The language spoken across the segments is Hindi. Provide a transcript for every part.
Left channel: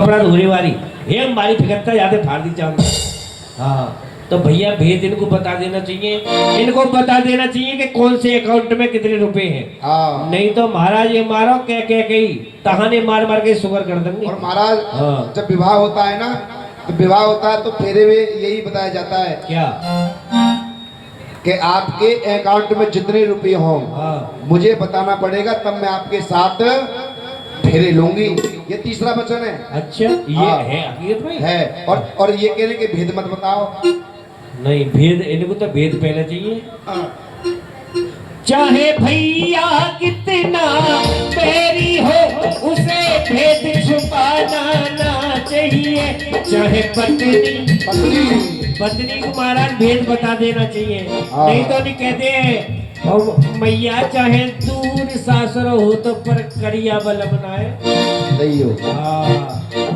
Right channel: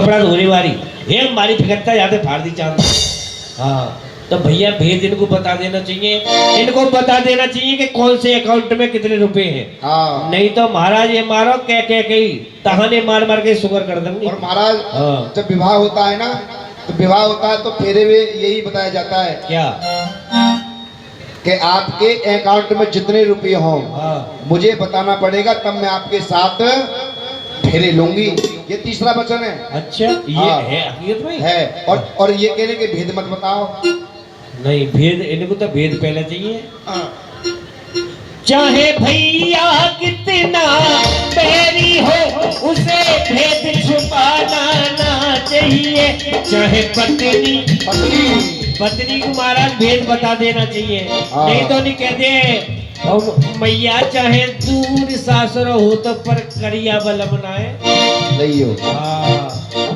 कपड़ा धोने वाली एक मारी फिकटता जाते फाड़ दी चांद। हाँ तो भैया भेद इनको बता देना चाहिए, इनको बता देना चाहिए कि कौन से अकाउंट में कितने रुपए हैं। हाँ। नहीं तो महाराज ये मारो कह कह के ही तहाने मार मार के शुगर कर देंगे। और महाराज हाँ। जब विवाह होता है ना, तो विवाह होता है तो फेरे में यही बताया जाता है क्या कि आपके अकाउंट में जितने रुपए हों हाँ। मुझे बताना पड़ेगा, तब मैं आपके साथ फेरे लूंगी। ये तीसरा वचन है। अच्छा ये हाँ। है हकीकत में है। और ये कहने के भेद मत बताओ। नहीं भेद इनको तो भेद पहले चाहिए। हाँ। चाहे भैया कितना बैरी हो उसे भेद छुपाना ना चाहिए। चाहे पत्नी को महाराज भेद बता देना चाहिए। नहीं तो नहीं कहते और मैया चाहे दूर सासुर हो तो पर करिया बल बनाए। सही हो।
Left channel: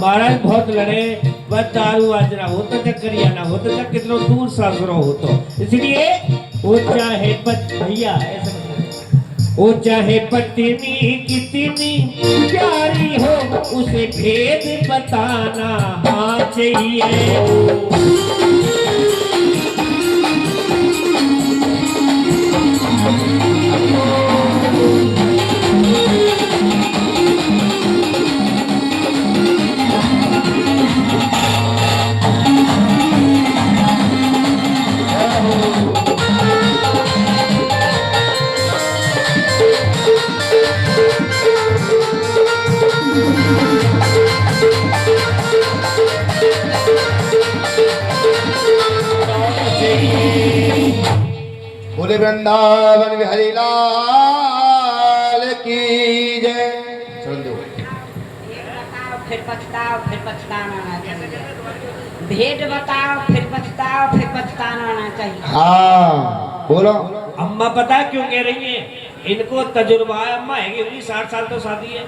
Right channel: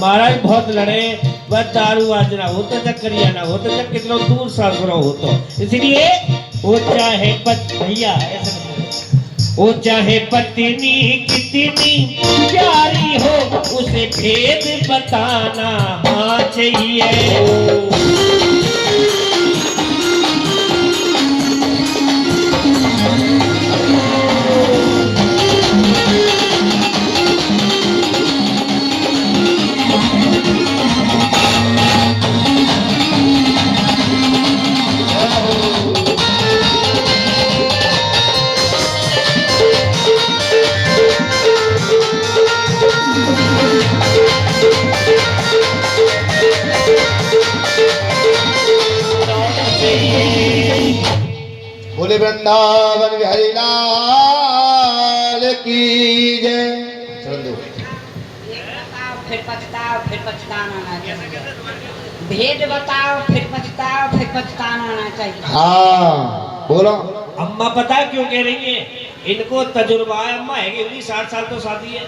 महाराज बहुत लड़े बस दारू आज ना हो तो जब करिया ना हो तो जब कितना दूर सासुर हो तो इसलिए वो चाहे भैया ऐसे वो चाहे पत्नी कितनी प्यारी हो उसे भेद बताना हाँ चाहिए। बोले वृंदावन बिहारी लाल की जय। चल दो। फिर पछताना ना चाहिए। भेद बताओ फिर पछताना ना चाहिए। हाँ बोलो। अम्मा पता है क्यों कह रही है? इनको तजुर्बा है। अम्मा है कि 60 साल तो शादी है।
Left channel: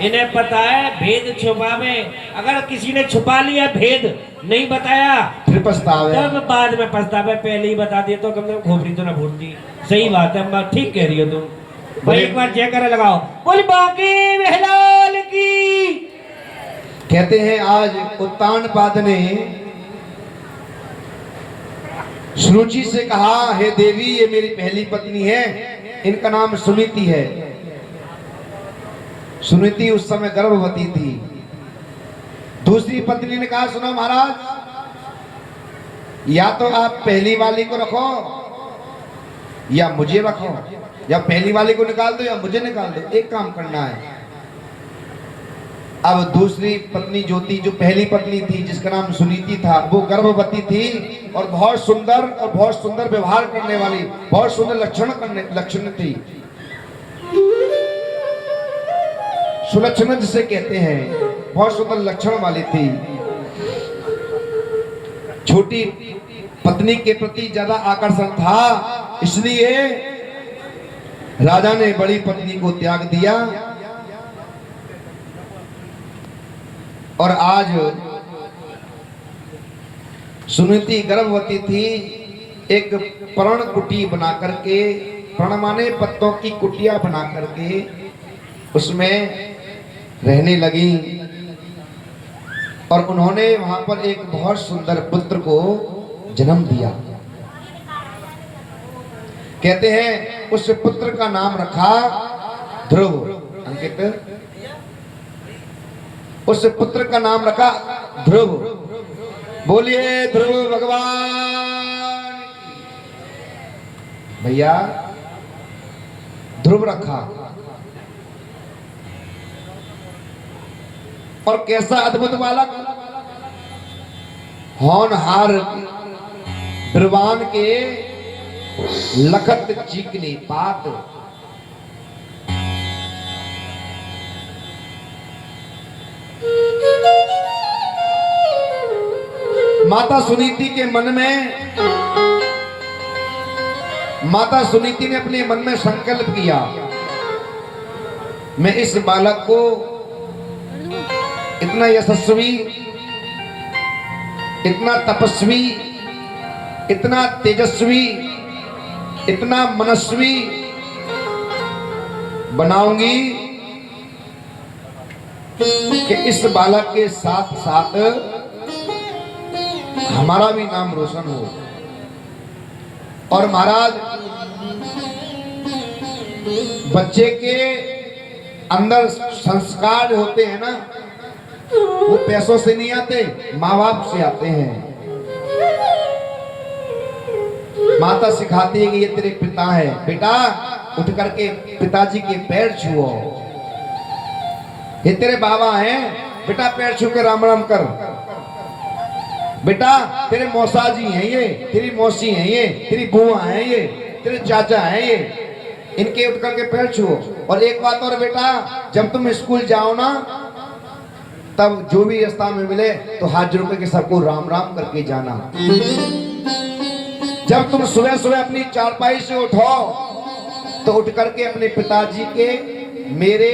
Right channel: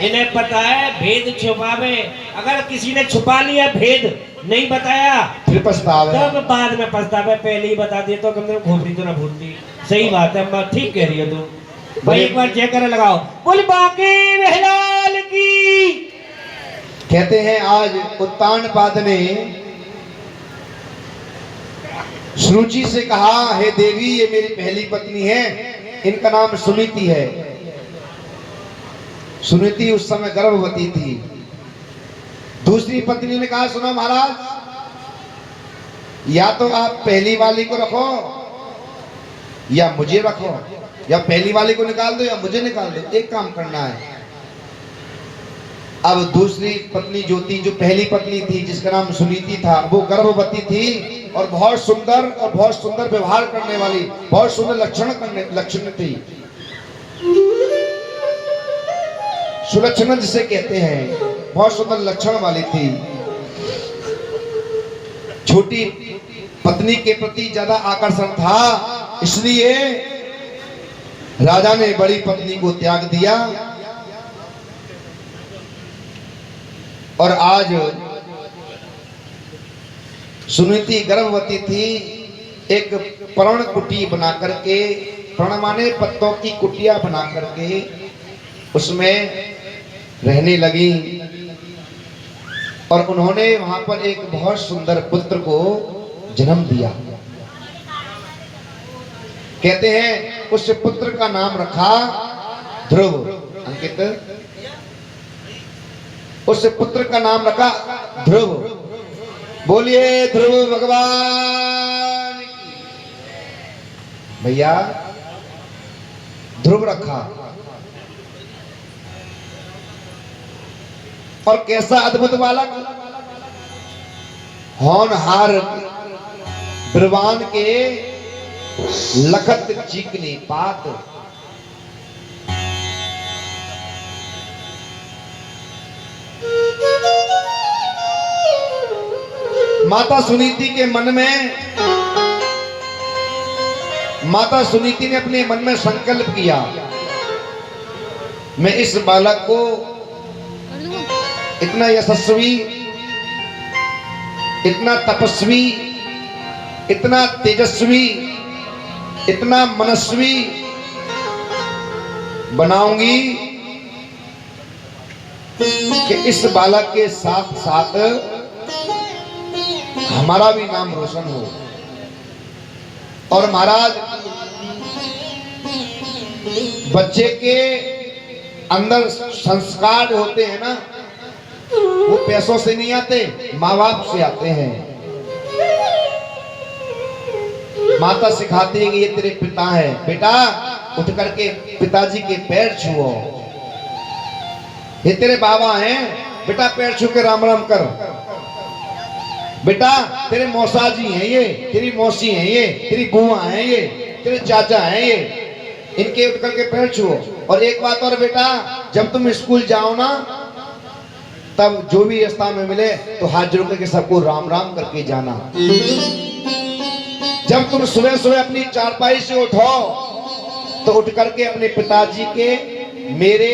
इन्हें पता है भेद छुपावे। अगर किसी ने छुपा लिया भेद नहीं बताया फिर पछतावे, तब बाद में पछतावे। पहले ही बता दिए तो कम खोपड़ी तो ना भूल दी। सही बात है अम्मा, ठीक कह रही हो तुम। भाई एक बार चेक कर लगाओ। बोल बाकी महलाल की। कहते हैं आज उत्तानपाद ने सुरुचि से कहा, हे देवी ये मेरी पहली पत्नी है, इनका नाम सुनीति है। सुनीति उस समय गर्भवती थी। दूसरी पत्नी ने कहा, सुनो महाराज, या तो आप पहली वाली को रखो या मुझे रखो, या पहली वाली को निकाल दो या मुझे निकाल दो, एक काम करना है। अब दूसरी पत्नी जो थी, जो पहली पत्नी थी जिसका नाम सुनीति था, वो गर्भवती थी और बहुत सुंदर व्यवहार करने वाली, बहुत सुंदर लक्षण थी। सुलक्षण जिसे कहते हैं, बहुत सुंदर लक्षण वाली थी। छोटी पत्नी के प्रति ज्यादा आकर्षण था, इसलिए राजा ने बड़ी पत्नी को त्याग दिया। और आज सुनीति गर्भवती थी। एक पर्ण कुटी बना करके, पर्ण माने पत्तों की कुटिया बना करके उसमें रहने लगी और उन्होंने वहां पर एक बहुत सुंदर पुत्र को जन्म दिया। कहते हैं उस पुत्र का नाम रखा ध्रुव। अंकित, उस पुत्र का नाम रखा ध्रुव। बोलिए ध्रुव भगवान की। भैया ध्रुव रखा। और कैसा अद्भुत बालक, होनहार बिरबान के लखत चिकनी पात। माता सुनीति के मन में, माता सुनीति ने अपने मन में संकल्प किया, मैं इस बालक को इतना यशस्वी, इतना तपस्वी, इतना तेजस्वी, इतना मनस्वी बनाऊंगी कि इस बालक के साथ साथ हमारा भी नाम रोशन हो। और महाराज बच्चे के अंदर संस्कार होते हैं ना, वो पैसों से नहीं आते, माँ बाप से आते हैं। माता सिखाती है कि ये तेरे पिता है, बेटा उठ करके पिताजी के पैर छुओ। ये तेरे बाबा हैं, बेटा पैर छू के राम राम कर। बेटा तेरे मौसा जी हैं ये, तेरी मौसी हैं ये, तेरी बुआ हैं ये, तेरे चाचा हैं ये, इनके उठ करके पैर छुओ। और एक बात और बेटा, जब तुम स्कूल जाओ ना, तब जो भी रास्ता में मिले तो हाथ जोड़ करके सबको राम राम करके जाना। जब तुम सुबह सुबह अपनी चारपाई से उठो तो उठ करके अपने पिताजी के, मेरे,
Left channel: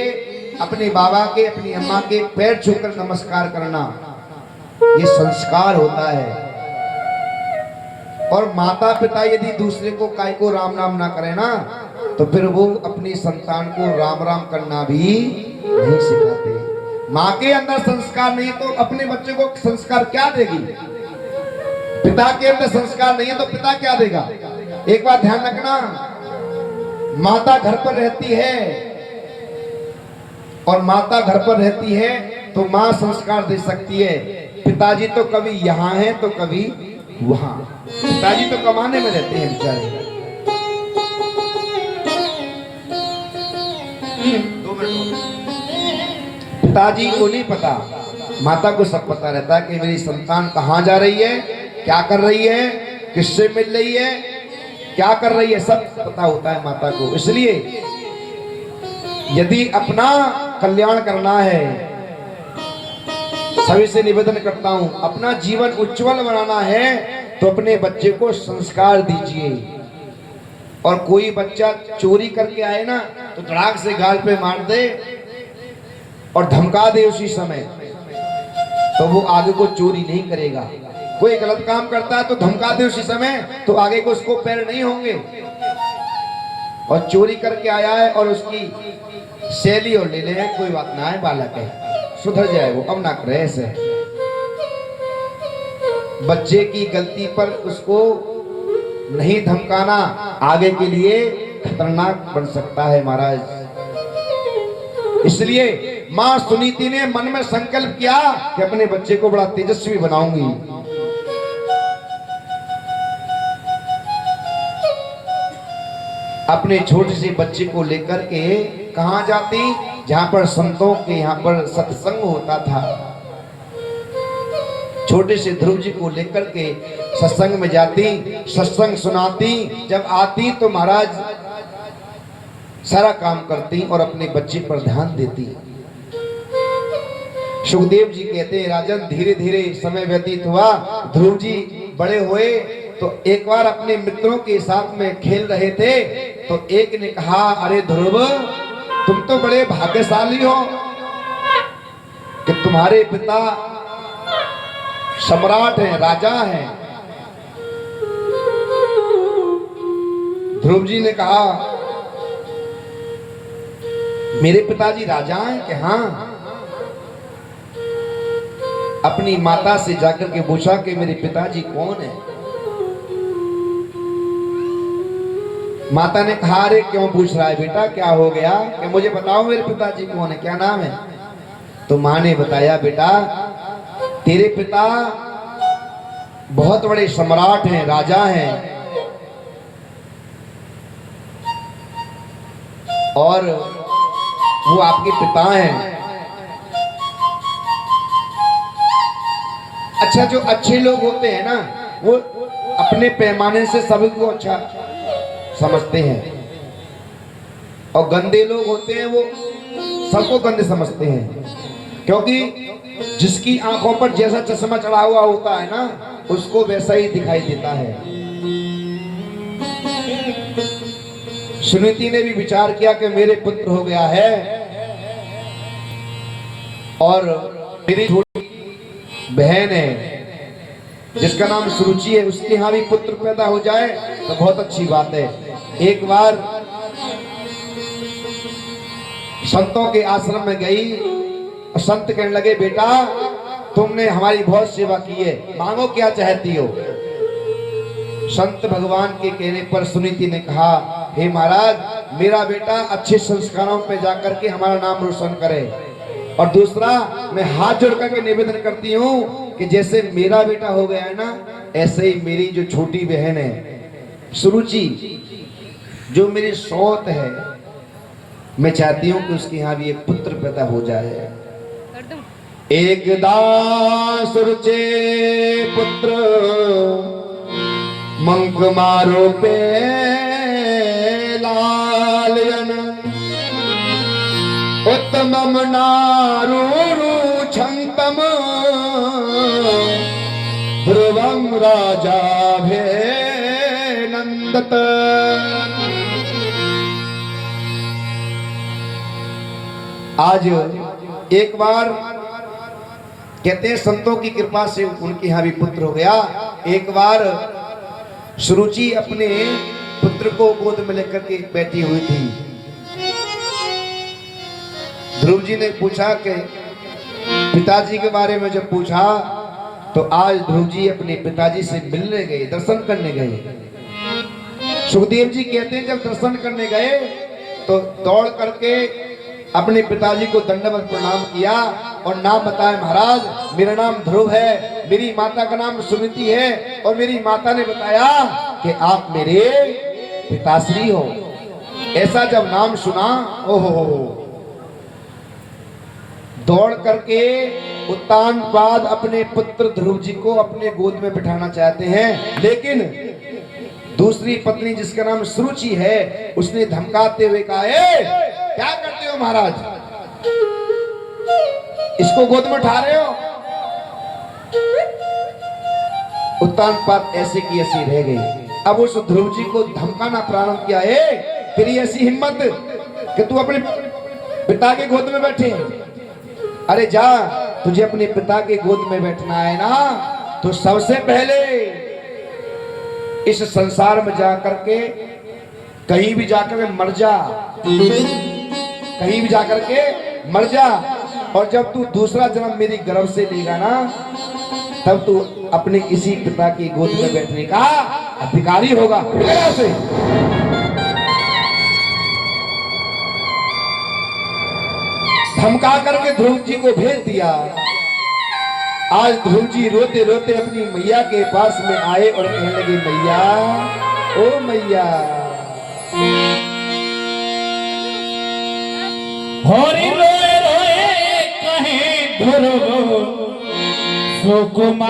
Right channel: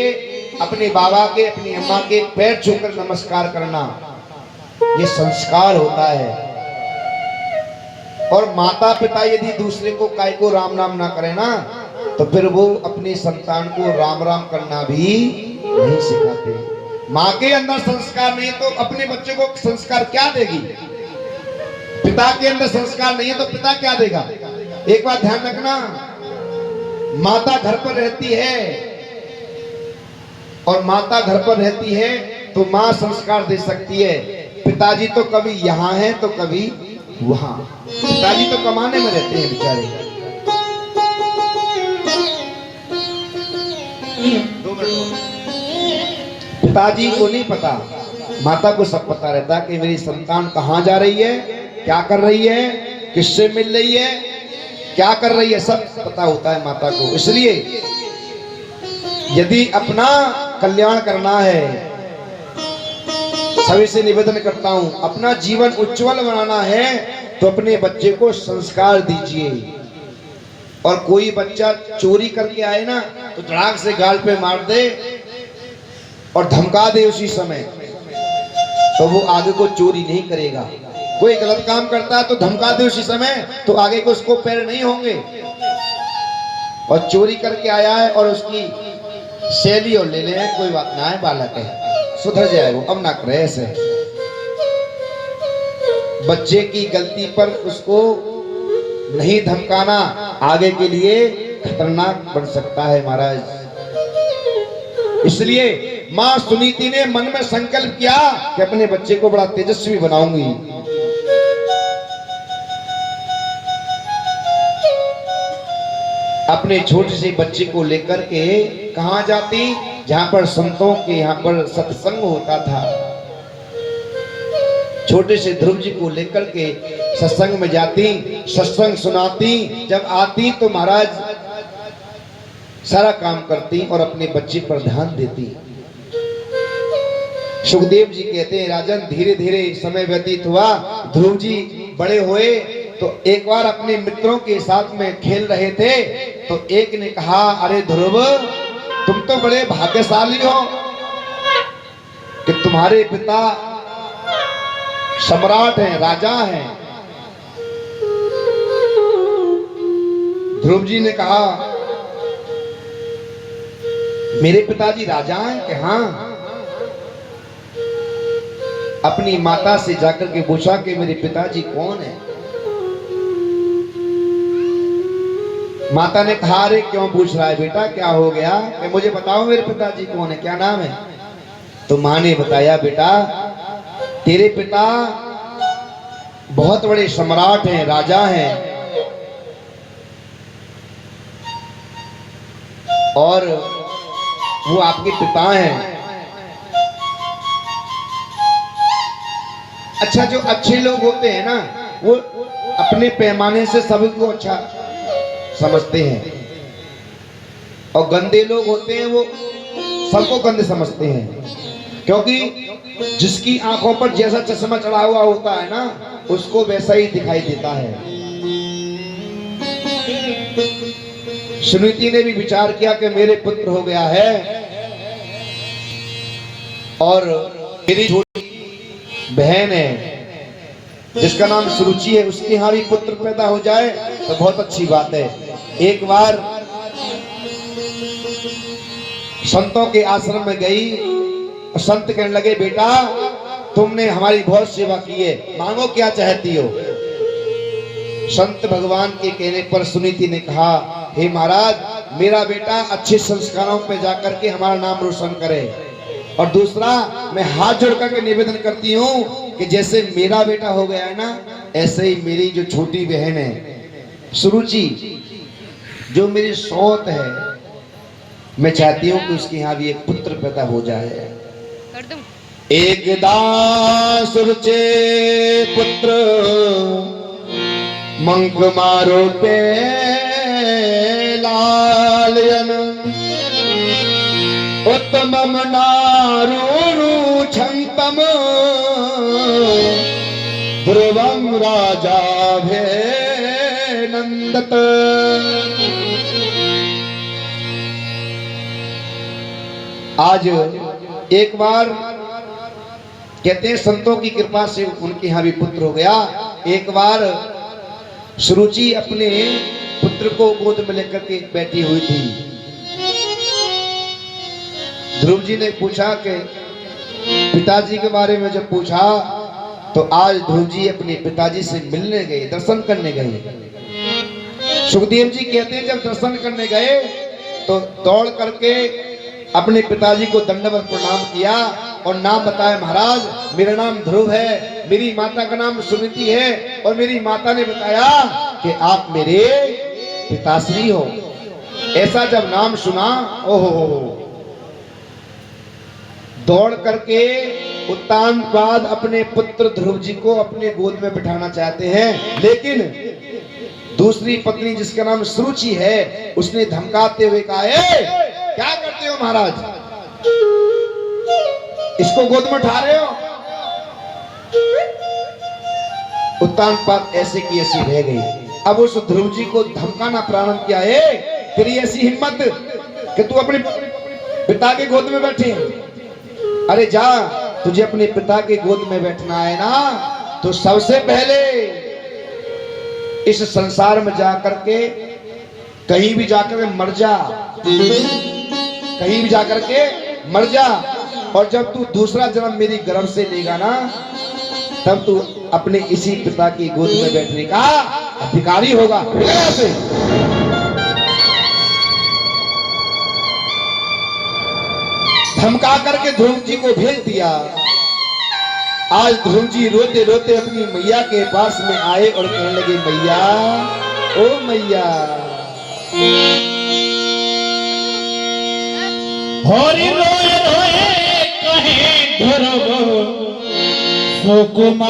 अपने बाबा के, अपनी अम्मा के पैर छूकर नमस्कार करना, ये संस्कार होता है। और माता पिता यदि दूसरे को काय को राम राम ना करे ना, तो फिर वो अपनी संतान को राम राम करना भी नहीं सिखाते। माँ के अंदर संस्कार नहीं तो अपने बच्चे को संस्कार क्या देगी? पिता के अंदर संस्कार नहीं है तो पिता क्या देगा? एक बात ध्यान रखना, माता घर पर रहती है और माता घर पर रहती है तो माँ संस्कार दे सकती है। पिताजी तो कभी यहाँ है तो कभी वहां। पिताजी तो कमाने में रहते हैं बेचारे। 2 मिनट। पिताजी को नहीं पता, माता को सब पता रहता है कि मेरी संतान कहाँ जा रही है, क्या कर रही है, किससे मिल रही है, क्या कर रही है, सब पता होता है माता को। इसलिए यदि अपना कल्याण करना है, सभी से निवेदन करता हूं, अपना जीवन उज्जवल बनाना है तो अपने बच्चे को संस्कार दीजिए। और कोई बच्चा चोरी करके आए ना तो धड़ाक से गाल पे मार दे और धमका दे उसी समय, तो वो आगे को चोरी नहीं करेगा। कोई गलत काम करता है तो धमका दे उसी समय, तो आगे को उसको पैर नहीं होंगे। और चोरी करके आया है और उसकी शैली और ले ले, कोई बात ना है, बालक है, सुधर जाए वो, अब ना करे ऐसे। बच्चे की गलती पर उसको नहीं धमकाना आगे के लिए खतरनाक बन सकता है महाराज। इसलिए मां सुनीति ने मन में संकल्प किया कि अपने बच्चे को बड़ा तेजस्वी बनाऊंगी। अपने छोटे से बच्चे को लेकर के कहां जाती? जहां पर संतों के यहाँ पर सत्संग होता था। छोटे से ध्रुव जी को लेकर के सत्संग में जाती, सत्संग सुनाती, जब आती तो महाराज सारा काम करती और अपने बच्चे पर ध्यान देती। सुखदेव जी कहते हैं, राजन धीरे धीरे समय व्यतीत हुआ, ध्रुव जी बड़े हुए तो एक बार अपने मित्रों के साथ में खेल रहे थे तो एक ने कहा, अरे ध्रुव तुम तो बड़े भाग्यशाली हो कि तुम्हारे पिता सम्राट हैं, राजा हैं। ध्रुव जी ने कहा, मेरे पिताजी राजा हैं कि हाँ। अपनी माता से जाकर के पूछा कि मेरे पिताजी कौन है। माता ने कहा, अरे क्यों पूछ रहा है बेटा, क्या हो गया, कि मुझे बताओ मेरे पिताजी कौन है, क्या नाम है। तो माँ ने बताया, बेटा तेरे पिता बहुत बड़े सम्राट हैं, राजा हैं, और वो आपके पिता हैं। अच्छा, जो अच्छे लोग होते हैं ना, वो अपने पैमाने से सभी को अच्छा समझते हैं, और गंदे लोग होते हैं वो सबको गंदे समझते हैं। क्योंकि जिसकी आंखों पर जैसा चश्मा चढ़ा हुआ होता है ना, उसको वैसा ही दिखाई देता है। सुनीति ने भी विचार किया कि मेरे पुत्र हो गया है और मेरी छोटी बहन है जिसका नाम सुरुचि है, उसके यहाँ भी पुत्र पैदा हो जाए तो बहुत अच्छी बात है। एक बार संतों के आश्रम में गई संत कहने लगे, बेटा तुमने हमारी बहुत सेवा की है, मांगो क्या चाहती हो। संत भगवान के कहने पर सुनीति ने कहा, हे महाराज, मेरा बेटा अच्छे संस्कारों पे जाकर के हमारा नाम रोशन करे, और दूसरा मैं हाथ जोड़ करके निवेदन करती हूँ कि जैसे मेरा बेटा हो गया है ना, ऐसे ही मेरी जो छोटी बहन है सुरुचि, जो मेरी सौत है, मैं चाहती हूँ कि उसके यहाँ भी एक पुत्र पैदा हो जाए। एकदा सुरुचे पुत्र मंक मारो पे लालयन, उत्तमम नारू छंतम ध्रुवम राजा भे नंदत। आज एक बार कहते हैं संतों की कृपा से उनके यहाँ भी पुत्र हो गया। एक बार सुरुचि अपने पुत्र को गोद में लेकर के बैठी हुई थी। ध्रुव जी ने पूछा कि पिताजी के बारे में जब पूछा तो आज ध्रुव जी अपने पिताजी से मिलने गए, दर्शन करने गए। सुखदेव जी कहते हैं जब दर्शन करने गए तो दौड़ करके अपने पिताजी को दंडवत प्रणाम किया और नाम बताया, महाराज मेरा नाम ध्रुव है, मेरी माता का नाम सुनीति है, और मेरी माता ने बताया कि आप मेरे पिताश्री हो। ऐसा जब नाम सुना, ओहो, दौड़ करके उत्तानपाद अपने पुत्र ध्रुव जी को अपने गोद में बिठाना चाहते हैं, लेकिन दूसरी पत्नी जिसका नाम सुरुचि है उसने धमकाते हुए कहा, क्या करते हो महाराज, इसको गोद में उठा रहे हो। उत्तानपाद ऐसे की ऐसी रह गई। अब उस ध्रुव जी को धमकाना प्रारंभ किया, तेरी ऐसी हिम्मत कि तू अपने पिता के गोद में बैठे। अरे जा, तुझे अपने पिता के गोद में बैठना है ना, तो सबसे पहले इस संसार में जा करके कहीं भी जाकर मर जा, कहीं भी जाकर के मर जा, और जब तू दूसरा जन्म मेरी गर्भ से लेगा ना, तब तू अपने इसी पिता की गोद में बैठने का अधिकारी होगा। से धमका करके ध्रुव जी को भेज दिया। आज ध्रुव जी रोते रोते अपनी मैया के पास में आए और कहने लगे, मैया, ओ मैया, होरी रोए रोए कहे ध्रुव, सो कुमार